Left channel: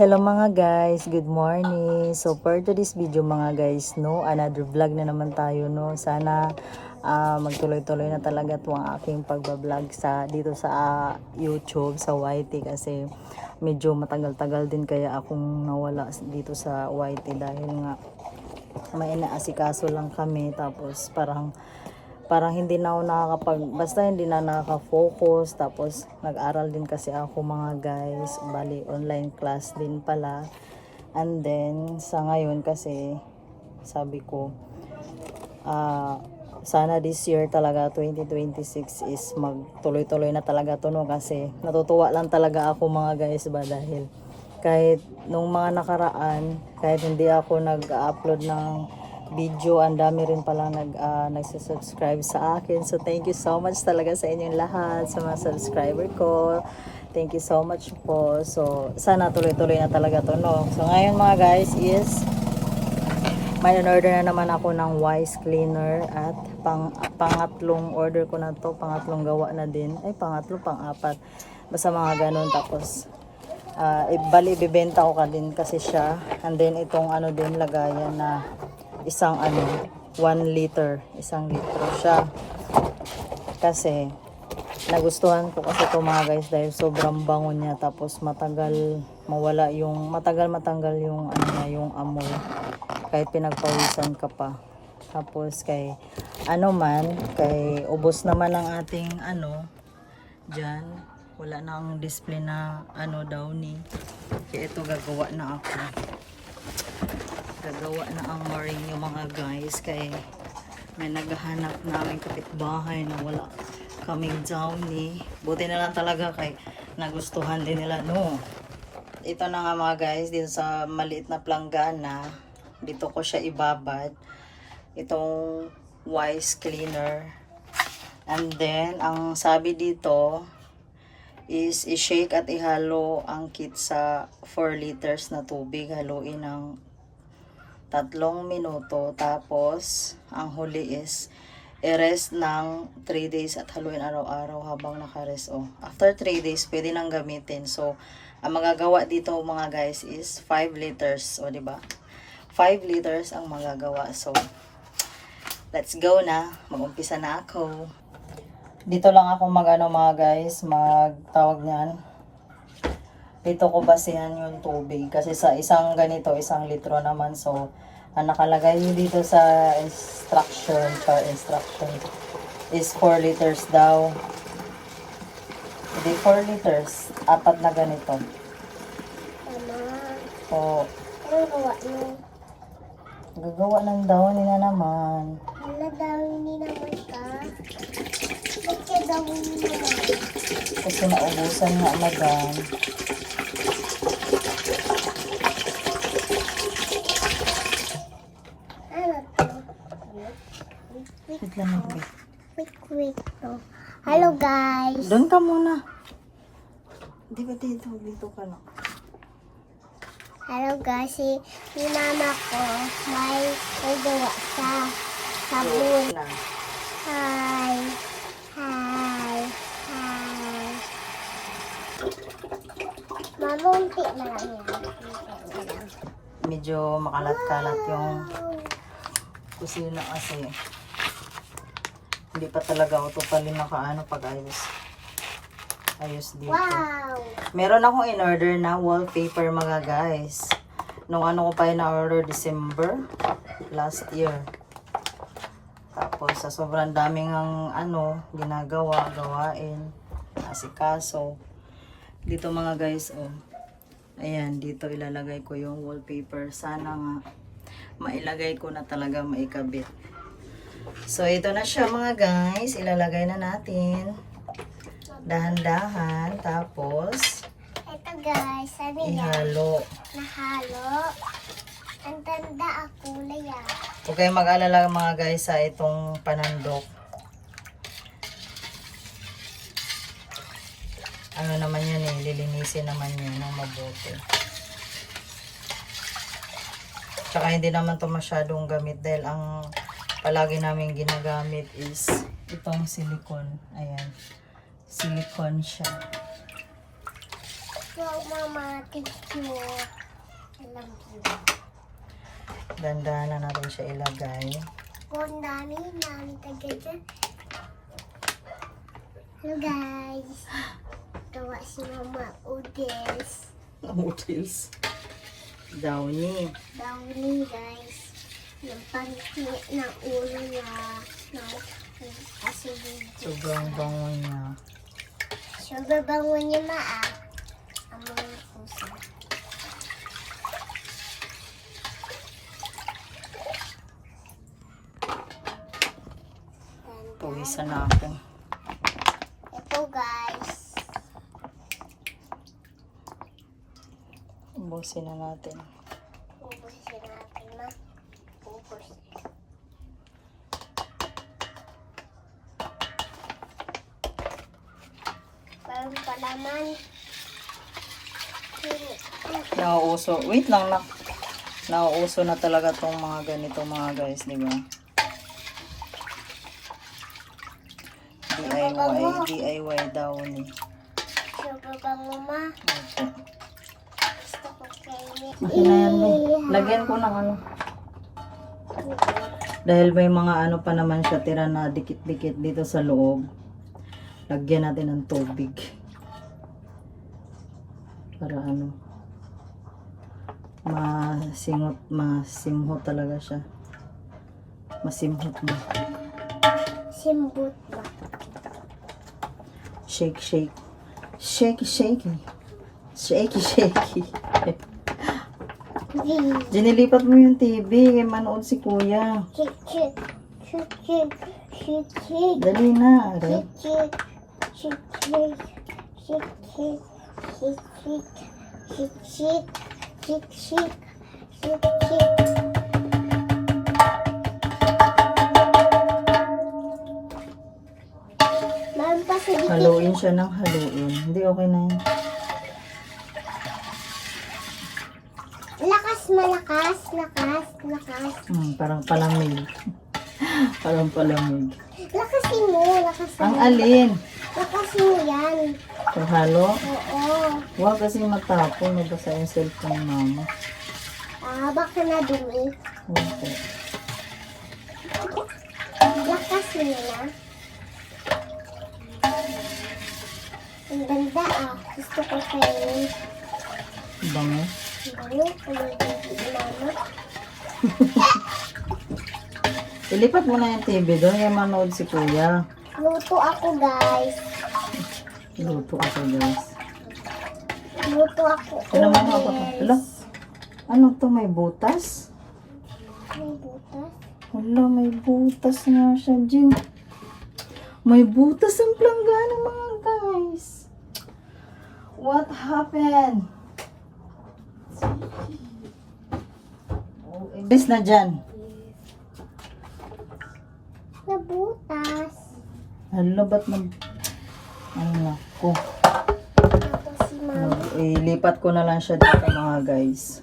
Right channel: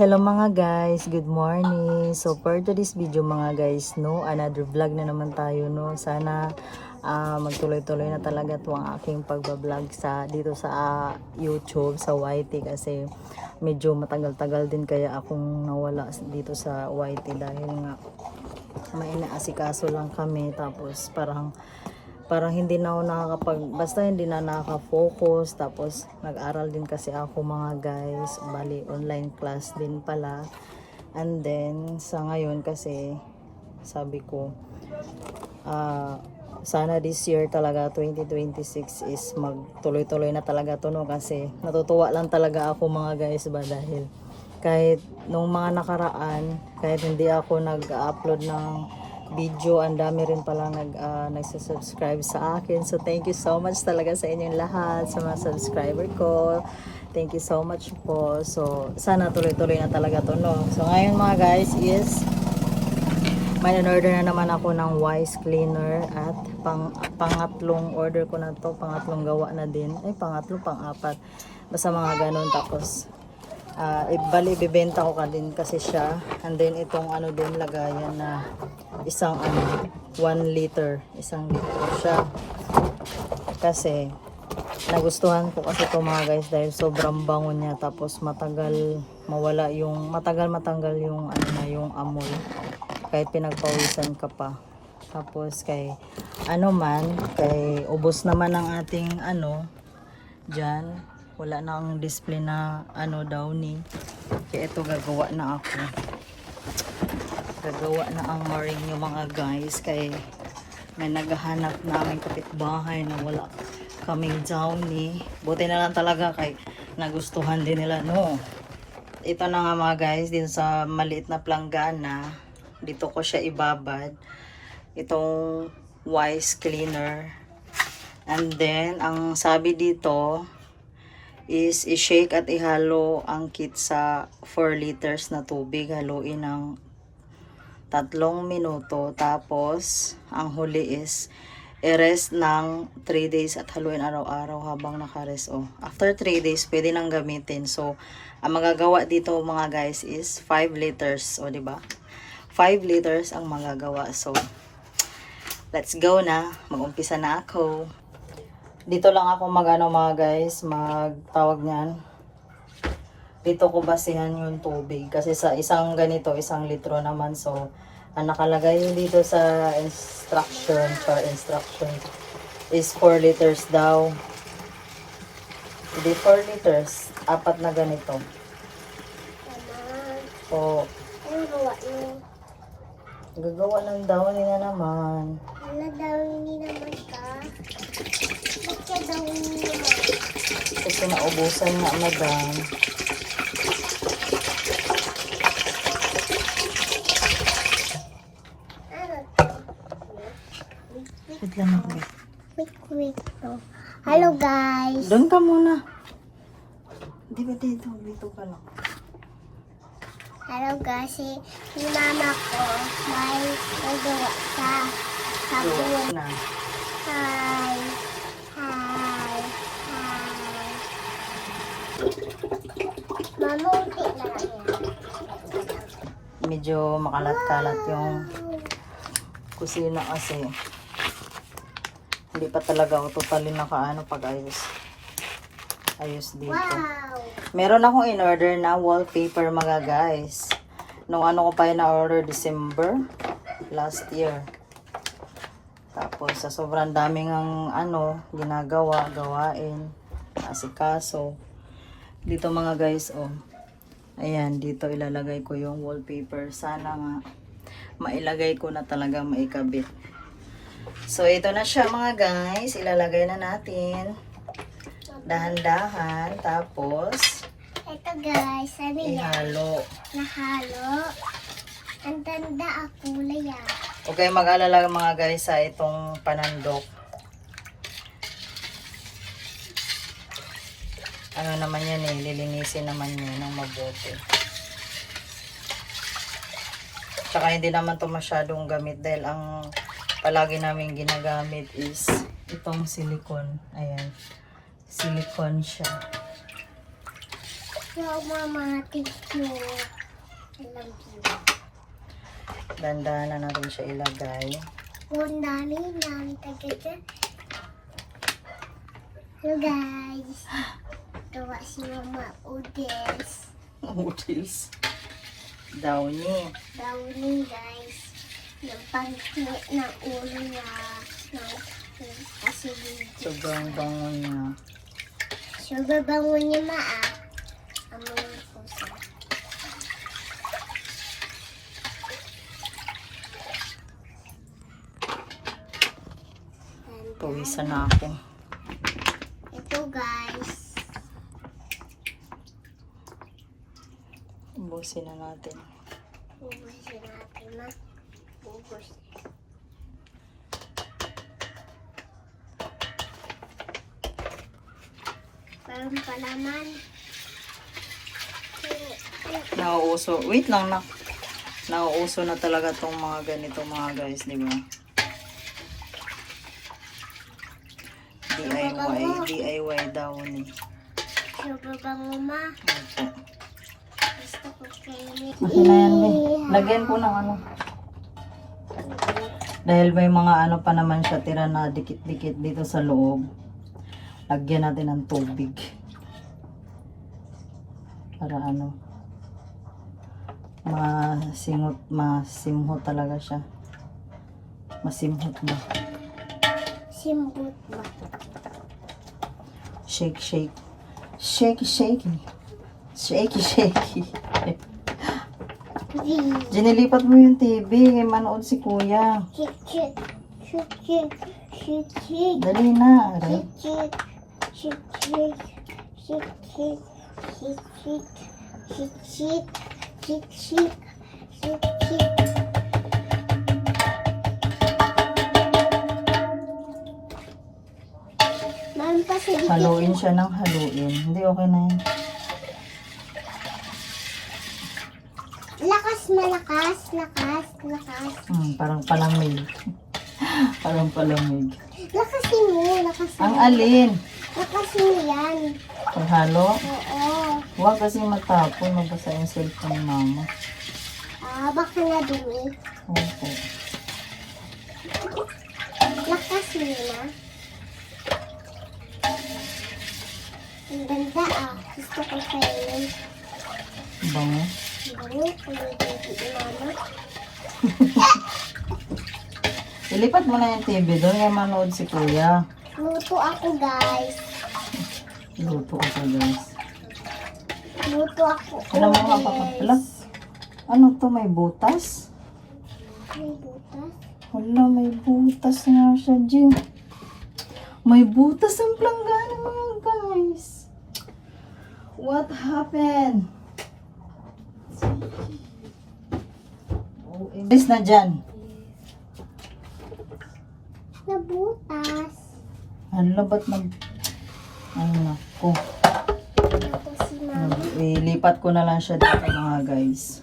Hello mga guys, good morning. So for today's video mga guys, another vlog na naman tayo, Sana magtuloy-tuloy na talaga 'tong aking pagba-vlog dito sa YouTube, sa YT kasi medyo matagal-tagal din kaya akong nawala dito sa YT dahil nga may inaasikaso lang kami, tapos parang hindi na ako basta hindi na nakaka-focus. Tapos nag-aral din kasi ako mga guys, bali online class din pala. And then sa ngayon kasi sabi ko sana this year talaga 2026 is magtuloy-tuloy na talaga to, kasi natutuwa lang talaga ako mga guys ba, dahil kahit nung mga nakaraan, kahit hindi ako nag-upload ng video, ang dami rin palang nagsusubscribe sa akin. So thank you so much talaga sa inyong lahat, sa mga subscriber ko. Thank you so much po. So sana tuloy-tuloy na talaga to, So ngayon mga guys is may order na naman ako ng wise cleaner, at pangatlong order ko na to, pangatlong gawa na din, pang-apat, basta mga ganun. Tapos bali bibenta ko din kasi siya. And then itong din lagayan na isang 1 liter, isang litro siya, kasi nagustuhan ko kasi to mga guys, dahil sobrang bango niya, tapos matagal matanggal yung niya, yung amoy, kahit pinagpawisan ka pa. Tapos kay ubos naman ng ating dyan, wala na ang display na downy, kaya ito gagawa na ang mooring yung mga guys, kay may naghahanap naming kapitbahay na wala kaming downy. Buti na lang talaga kay nagustuhan din nila, Ito na nga mga guys, dito sa maliit na planggana, dito ko siya ibabad, itong wise cleaner. And then ang sabi dito is i-shake at ihalo ang kit sa 4 liters na tubig, haluin ng 3 minuto, tapos ang huli is i-rest ng 3 days at haluin araw-araw habang naka-rest. After 3 days pwede nang gamitin. So ang magagawa dito mga guys is 5 liters, di ba? 5 liters ang magagawa. So let's go na, mag-umpisa na ako. Dito lang ako mga guys, magtawag niyan, dito ko basihan yung tubig, kasi sa isang ganito, 1 litro naman. So ang nakalagay dito sa instruction is 4 liters daw. Hindi 4 liters, 4 na ganito. So gagawa ng downy na naman. Downy naman ka? Ba't ka downy naman? Kasi naubusan nga, madam. Wait lang ako. Wait. Hello guys. Doon ka muna. Di ba dito ka lang? Hello guys, si mama ko may nagawa sa sabon. Hi. Mama, unti lang yan. Medyo makalat-kalat yung kusina kasi hindi pa talaga ako totally ayos dito. Wow! Meron akong in-order na wallpaper mga guys. Nung ko pa na-order December last year. Tapos sa sobrang daming gawain, asikaso. Dito mga guys, ayan, dito ilalagay ko yung wallpaper. Sana nga mailagay ko na talaga, maikabit. So ito na siya mga guys, ilalagay na natin. Dahan-dahan, tapos Ito guys, ano yan? ihalo. Nahalo. Ang tanda ako yan. Okay, mag-alala mga guys sa itong panandok. Naman yan lilinisin naman yun ng mabuti. Tsaka hindi naman to masyadong gamit, dahil ang palagi namin ginagamit is itong silicone. Ayan. Silicone siya. So, Mama, thank you. I love you. Dandahan na natin siya ilagay. Ang dami ng tagad. Hello guys. Gawa si Mama Udis. Noodles. Downy. Downy guys. Yung pangit ng ulo niya. Kasi Sobrang bango niya. sobrang bango niya ang mga puso. Pawisan na ako. Ito guys. Ubusin na natin. Ubusin natin ma. Ubus. Parang palaman. Nauuso. Wait lang, nauuso na talaga tong mga ganito mga guys, di ba? DIY daw ni. Sobrang bango ma. Opo. Gusto ko kainin. Okay na yan, eh. Lagyan ko ng ano. Dahil may mga ano pa naman siya tira na dikit-dikit dito sa loob. Lagyan natin ng tubig. Para ano. Masimhot talaga siya. Masimhot ba? Simbut ba? Shake, shake. Shake, shake. Shake, shake. Dinilipat mo yung TV. Manood si kuya. Shake, shake. Shake, shake. Shake, shake. Dali na. Aray. Shake, shake. Shake, shake. Shake, shake. Shake, shake. Shake, shake. Shake, shake. Meron pa sa dikit. Haluin siya ng haluin. Hindi, okay na yan. Lakas, malakas. Lakas, lakas. Parang palamig. Parang palamig. Lakasin mo, lakasin Ang mo. alin? Lakasin mo yan. Paghalo? Oo. Huwag kasi matapon. Mabasa yung cellphone ni mama. Baka na dumi. Opo. Lakasin mo na. Ang ganda Gusto ko kainin. Bango. Ano? Pag-ibig mama. Ilipat mo na yung TV doon. Yung manood si kuya. Luto ako guys. Luto ako guys. Luto ako. Ano mo nga pa? Hala? Ano to? May butas? May butas. Hala, may butas nga siya, Jing. May butas ang planggana mga guys. What happened? Oh, imbes na dyan. Nabutas. Hala, ba't ano? Oh, Tapos si mama. ilipat ko na lang siya dito mga guys.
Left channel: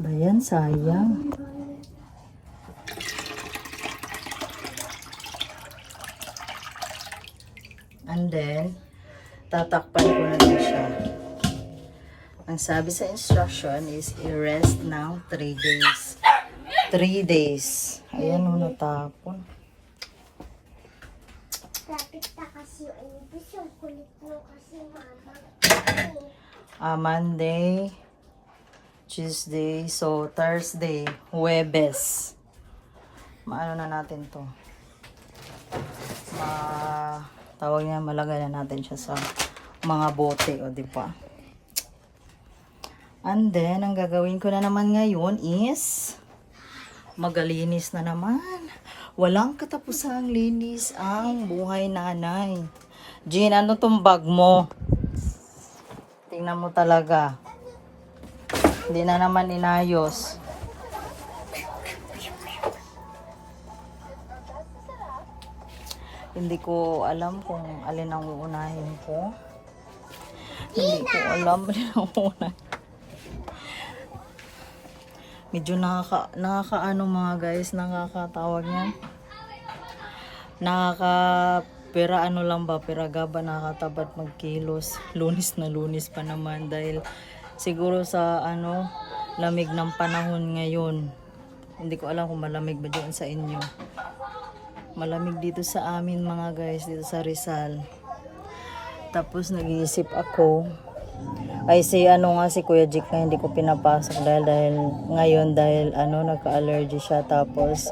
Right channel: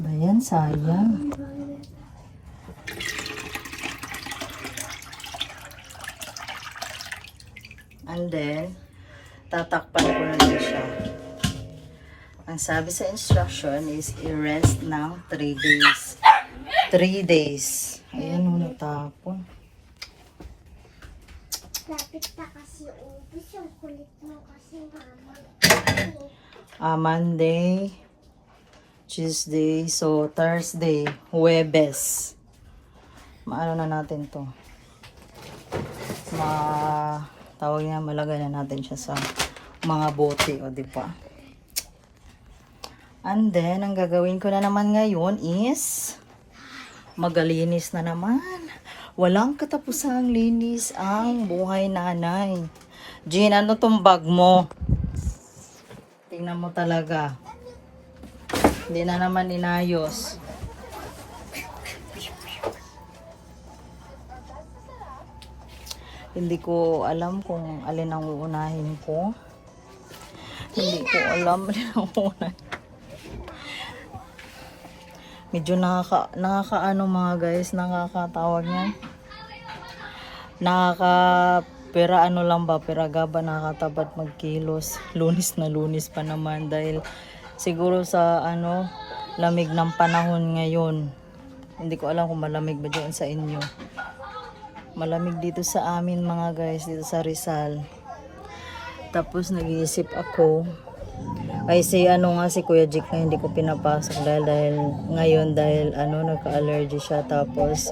Bayan, sayang. And then, tatakpan ko na siya. Ang sabi sa instruction is i-rest ng 3 days. 3 days. Ayan o, natapon. Lapit na kasi yung ubis. Ang kulit mo kasi mama. Monday, Tuesday, so Thursday, Huwebes. Maano na natin to. Tawag niya, malagay na natin siya sa mga bote, o di ba? And then, ang gagawin ko na naman ngayon is magalinis na naman. Walang katapusang linis ang buhay nanay. Jean, ano tong bag mo? Tingnan mo talaga. Hindi na naman inayos. Hindi ko alam kung alin ang uunahin ko. Hindi ko alam alin ang uunahin. Medyo nakakaano mga guys, nakakatawag niyan. pera ano lang ba, pera gaba nakakatabad magkilos. Lunis na lunis pa naman dahil siguro sa ano, lamig ng panahon ngayon. Hindi ko alam kung malamig ba dyan sa inyo. Malamig dito sa amin mga guys, dito sa Rizal. Tapos nag-iisip ako, ay si ano nga si Kuya Jik na hindi ko pinapasok dahil ngayon dahil ano nagka-allergy siya, tapos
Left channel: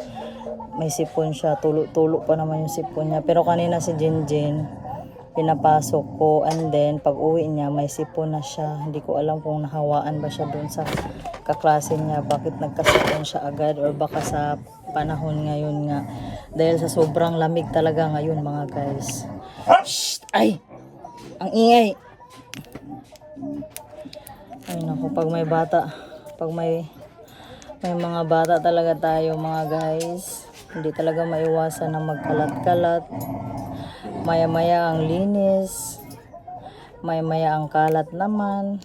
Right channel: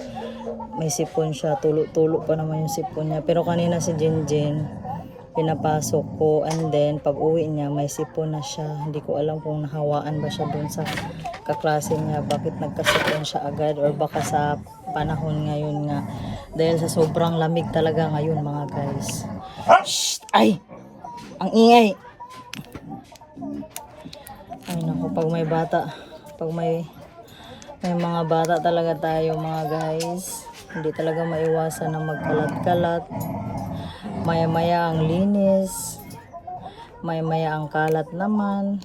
may sipon siya, tulo pa naman yung sipon niya. Pero kanina si Jinjin pinapasok ko, and then pag uwi niya may sipon na siya. Hindi ko alam kung nahawaan ba siya doon sa kaklase niya, bakit nagkasipon siya agad, or baka sa panahon ngayon nga dahil sa sobrang lamig talaga ngayon mga guys. Shh! Ay! Ang ingay! Ay naku, pag may bata, pag may mga bata talaga tayo mga guys, hindi talaga maiwasan na magkalat-kalat. Maya-maya ang linis, maya-maya ang kalat naman.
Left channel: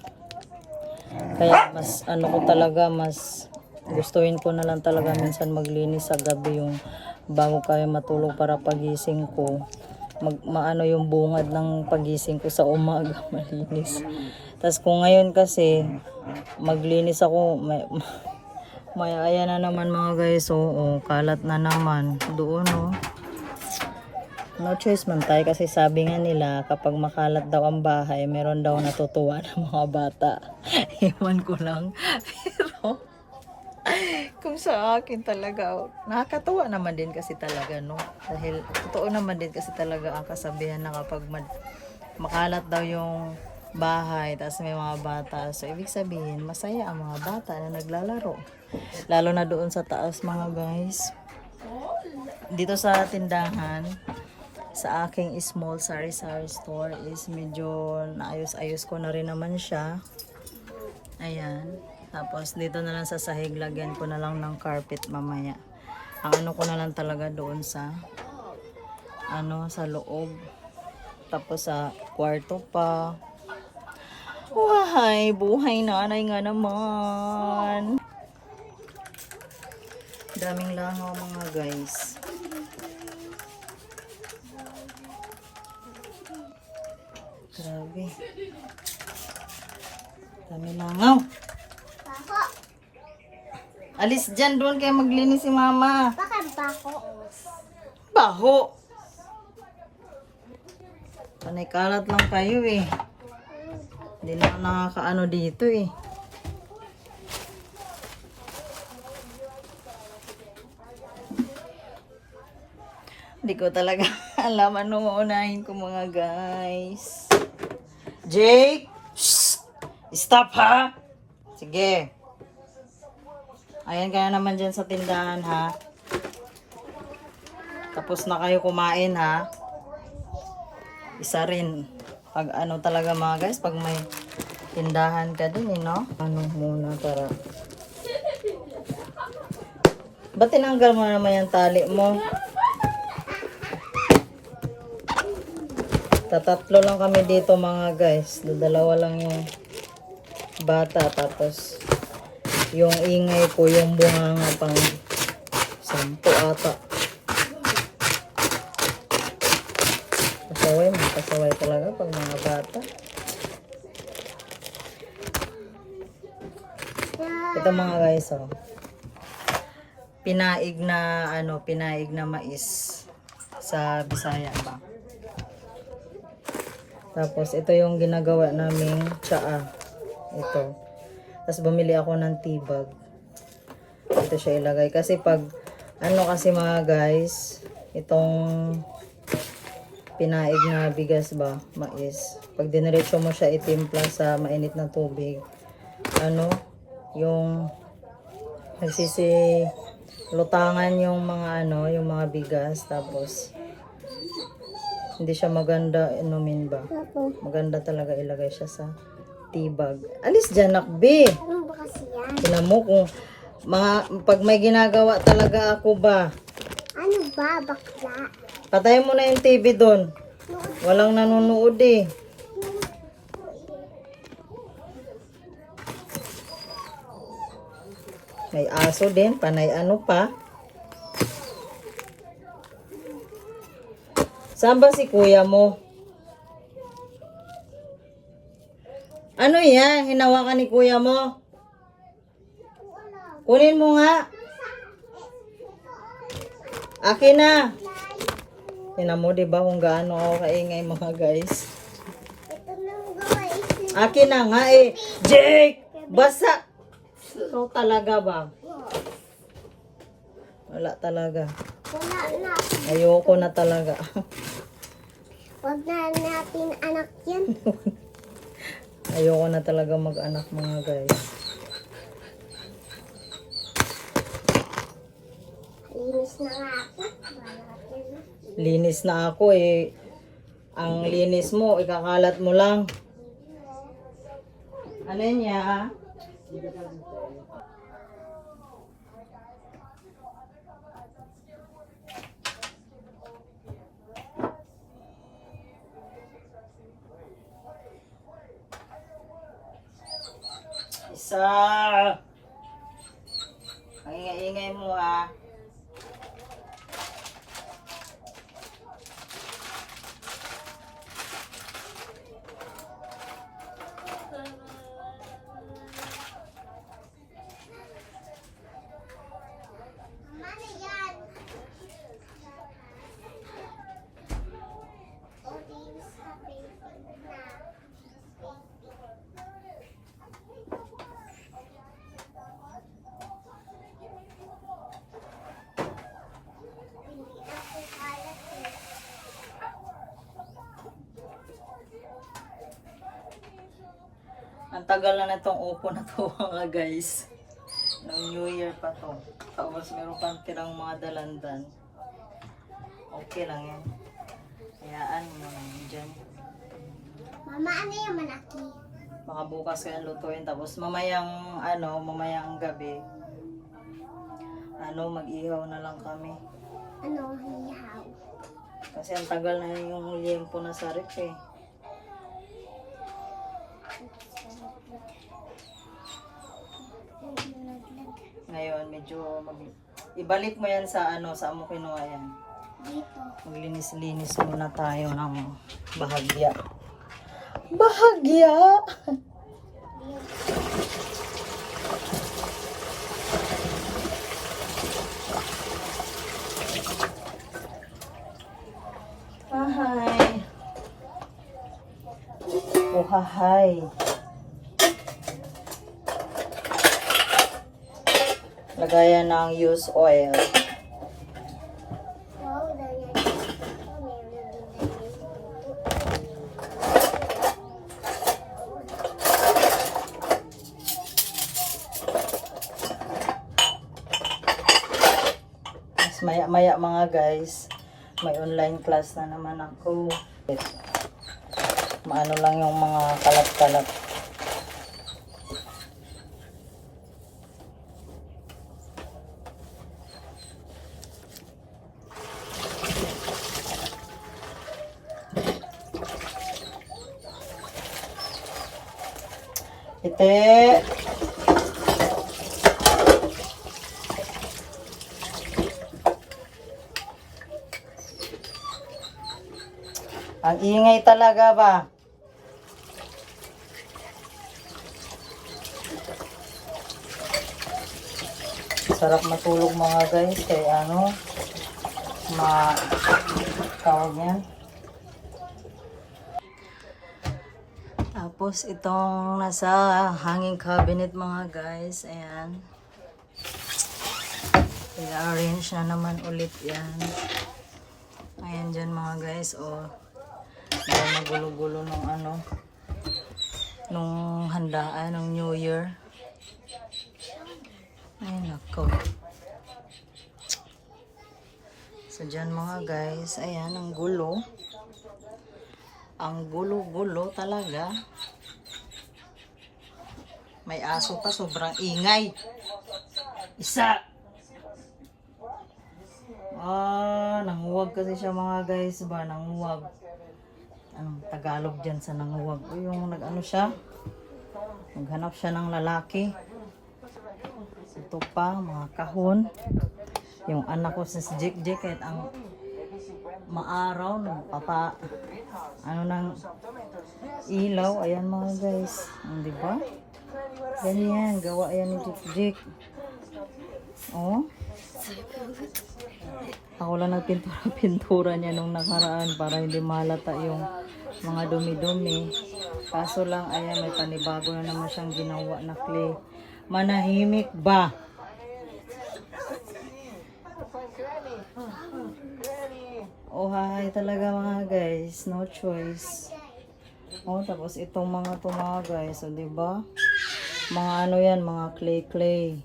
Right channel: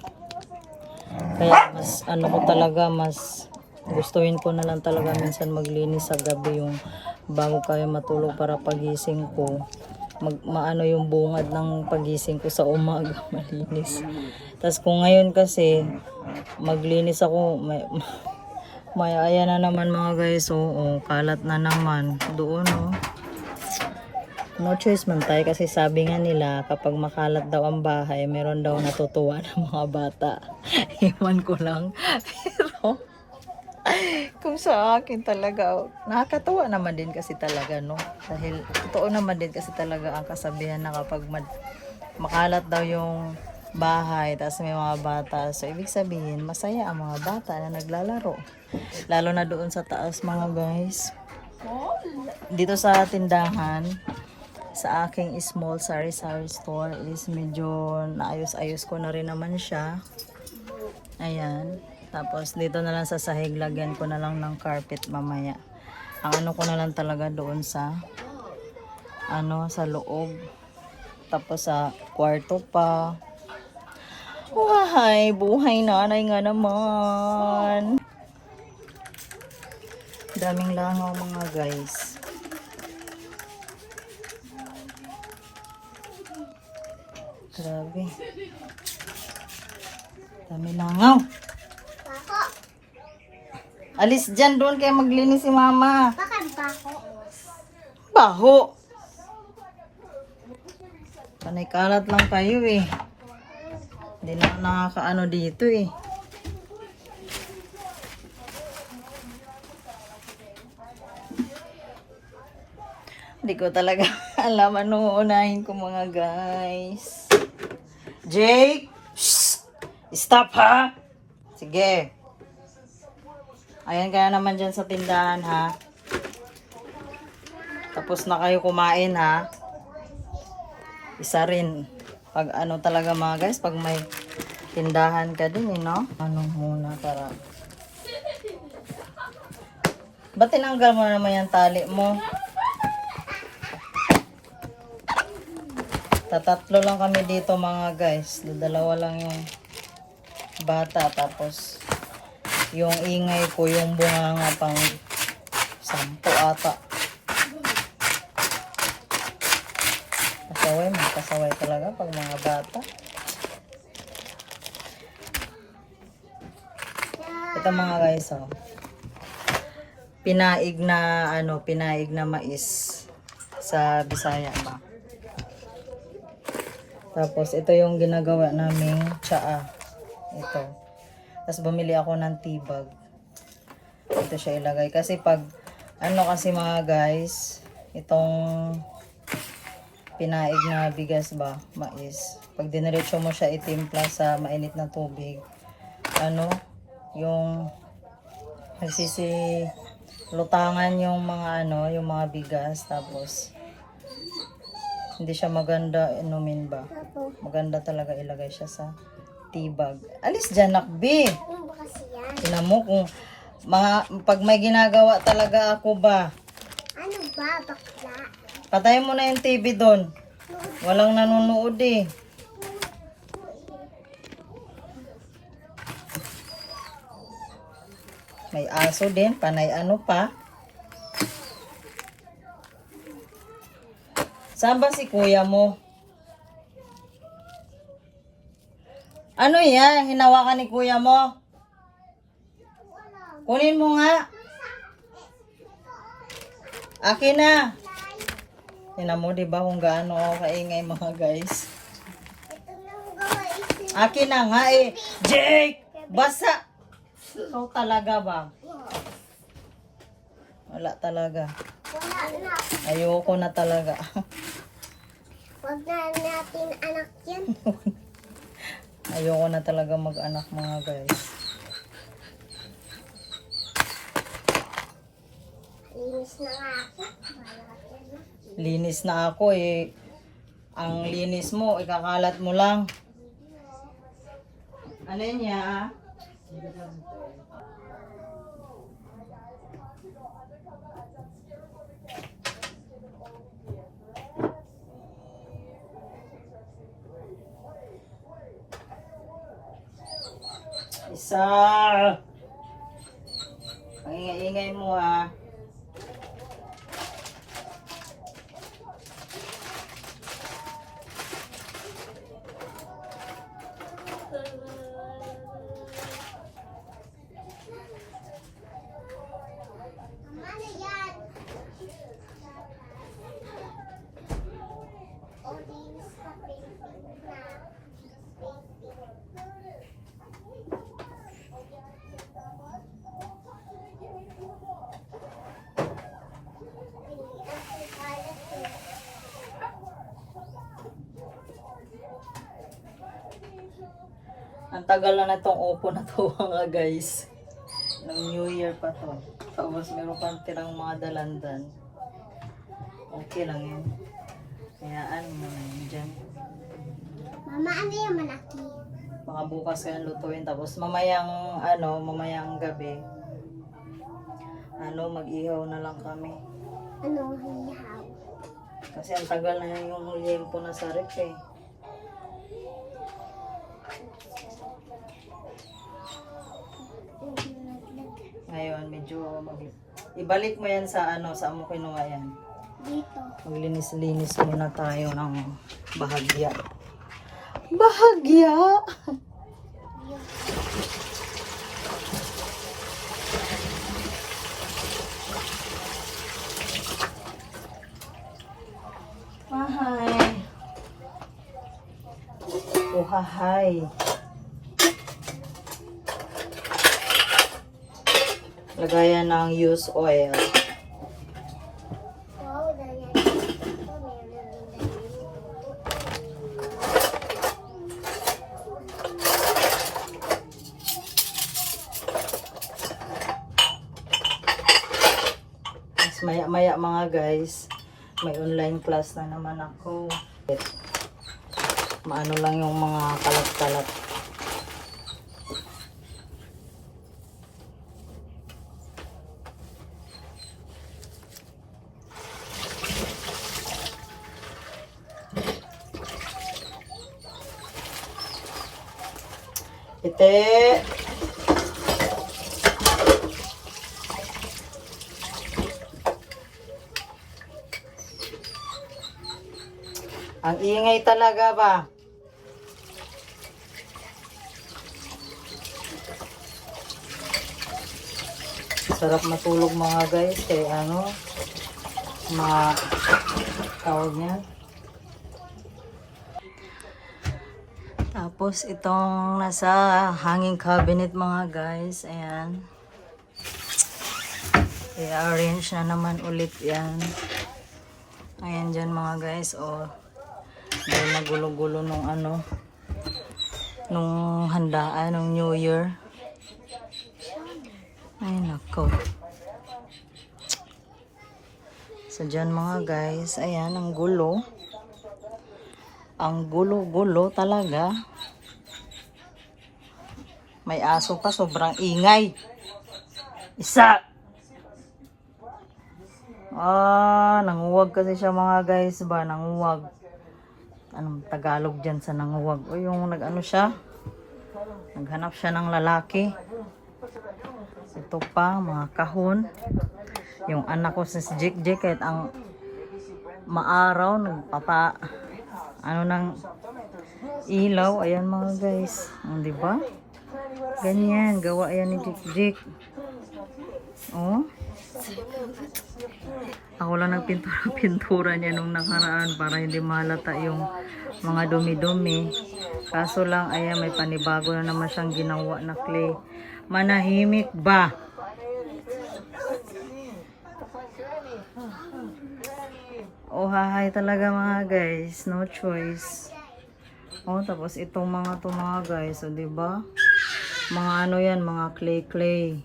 Kaya mas ano ko talaga, mas gustuhin ko na lang talaga minsan maglinis sa gabi, yung bago kayo matulog, para pagising ko maano yung bungad ng pagising ko sa umaga malinis. Tas kung ngayon kasi maglinis ako, may ayan na naman mga guys, oo, kalat na naman doon, oh. No choice man tayo kasi sabi nga nila kapag makalat daw ang bahay, meron daw natutuwa ng mga bata. Iwan ko lang. Pero kung sa akin talaga, nakakatuwa naman din kasi talaga, no? Dahil totoo naman din kasi talaga ang kasabihan na kapag makalat daw yung bahay, tapos may mga bata, so ibig sabihin, masaya ang mga bata na naglalaro. Lalo na doon sa taas mga guys. Dito sa tindahan, sa aking small sari-sari store is medyo naayos-ayos ko na rin naman siya. Ayan. Tapos dito na lang sa sahig, lagyan ko na lang ng carpet mamaya. Ang ano ko na lang talaga doon sa ano, sa loob. Tapos sa kwarto pa. Buhay, buhay nanay nga naman. Daming langaw mga guys. Grabe. Daming langaw. Alis dyan, doon kayo maglinis si mama. Bakit bako? Baho. Panay kalat lang kayo eh. Hindi na nakakaano dito eh. Hindi ko talaga alam ano unahin ko mga guys. Jake! Psst! Stop ha! Sige. Ayan kaya naman dyan sa tindahan ha. Tapos na kayo kumain ha. Isa rin. Pag ano talaga mga guys, pag may tindahan ka din eh, no? Ano muna para. Ba't tinanggal mo naman yung tali mo? Tatatlo lang kami dito mga guys. Dalawa lang yung bata. Tapos yung ingay ko, yung bunganga pang 10 ata. Kasaway, kasaway talaga pag mga bata. Ito mga guys, oh. Pinaig na ano, pinaig na mais sa Bisaya ba. Tapos ito yung ginagawa naming tsaa. Ito. Tapos bumili ako ng tibag. Ito siya ilagay. Kasi pag, ano kasi mga guys, itong pinaig na bigas ba, mais. Pag diniretso mo siya itimpla sa mainit na tubig, ano, yung lutangan yung mga ano, yung mga bigas. Tapos, hindi siya maganda inumin ba. Maganda talaga ilagay siya sa tibag. Alis dyan, nakbi. Ano ba kasi yan? Tinan mo kung pag may ginagawa talaga ako ba. Ano ba, bakla? Patay mo na yung TV doon. Walang nanonood eh. May aso din, panay ano pa. Saan ba si kuya mo? Ano yan? Hinawakan ni kuya mo? Kunin mo nga. Akin na. Tingnan mo, diba kung gaano ako kaingay mga guys. Ito nang guys. Akin na nga eh. Jake! Basa! Ikaw talaga ba? Wala talaga. Wala na. Ayoko na talaga. Huwag na natin anak yan. Ayoko na talaga mag-anak mga guys. Linis na nga ako. Linis na ako eh. Ang linis mo, ikakalat mo lang. Ano niya? Isa. Ang ingay-ingay mo ah. Ano yan? O, linis ka, painting na. Hindi ako kalat eh. Ang tagal na itong upo na to mga guys. Noong New Year pa to. Tapos meron pang tirang mga dalandan. Okay lang yan. Hayaan mo lang dyan. Mama, ano yung malaki? Baka bukas ka lutuin. Tapos mamayang gabi. Mag-ihaw na lang kami. Ano, hihaw? Kasi ang tagal na yung liempo na sa ref eh. Ngayon, medyo ibalik mo yan sa saan mo kinuha yan. Dito. Maglinis-linis muna tayo ng bahagya. Bahagya! Ahay. Uhahay. Lagayan ng used oil. Wow, dahil ito, meron din Mas maya-maya mga guys, may online class na naman ako. Maano lang yung mga kalat-kalat. Ite. Ang ingay talaga ba? Sarap matulog mga guys kay tawag yan. Tapos itong nasa hanging cabinet mga guys, ayan. I-arrange na naman ulit yan. Ayan dyan mga guys, dahil nagulo-gulo nung nung handaan ng New Year. Ay nako. So dyan mga guys, ayan ang gulo. Ang gulo-gulo talaga. May aso pa, sobrang ingay. Isa! Nanguwag kasi siya mga guys ba, nanguwag. Anong Tagalog dyan sa nanguwag? O yung siya, naghanap siya ng lalaki. Ito pa, mga kahon. Yung anak ko si Jake, kahit ang maaraw, nagpapa ano ng ilaw. Ayan mga guys, di ba? Ganyan, gawa yan ni Jik. Oh. Ako lang nagpintura-pintura niya nung nakaraan para hindi malata yung mga dumi-dumi. Kaso lang, ayan, may panibago na naman siyang ginawa na clay. Manahimik ba? Oh, hahay talaga mga guys. No choice. Oh, tapos itong mga to mga guys. O, diba? Mga ano yan, mga clay.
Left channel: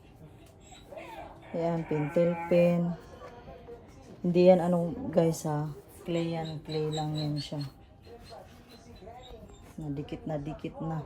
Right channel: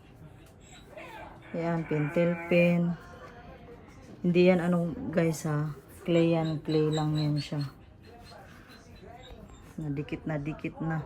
Ayan, pentel pen. Hindi yan ano guys ha. Clay yan. Clay lang yan siya. Nadikit na.